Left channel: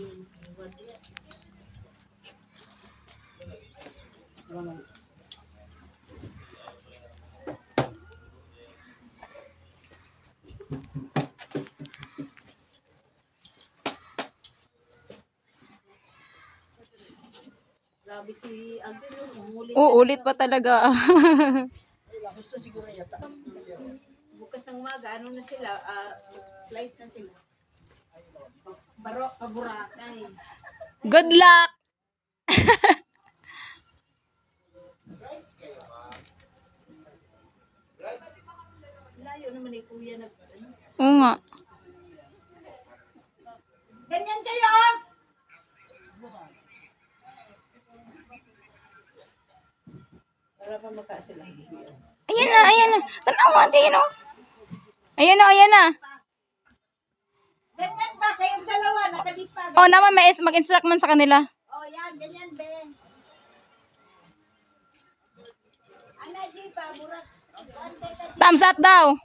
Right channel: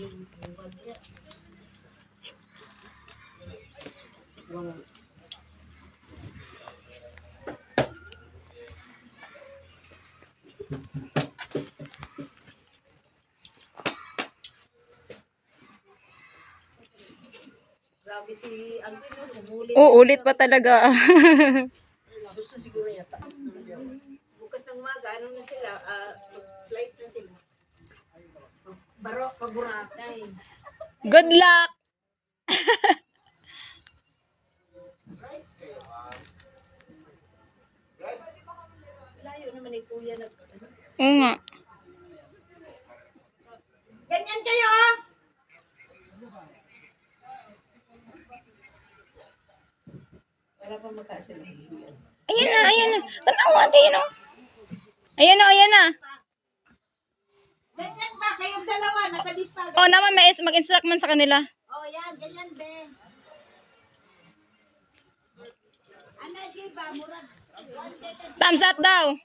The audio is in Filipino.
Grabe si Agpino, umulit. Ulit pa talaga. Bukas ng umaga, ano na sila? Flight na sila. Baro, paburatay. Good luck! Layo naman ni Kuya. Oo nga. Ganyan kayo, oh! Wala pa makasila. Ayan na, ayan na. Tanaw, ayan na. Ayan na, ayan na. Ganyan ba? Kayong dalawa, nakadipag. Oh, naman may mag-instruct man sa kanila. Oh, yan, ganyan, be. Ana, Jiba, murag. Thumbs up daw.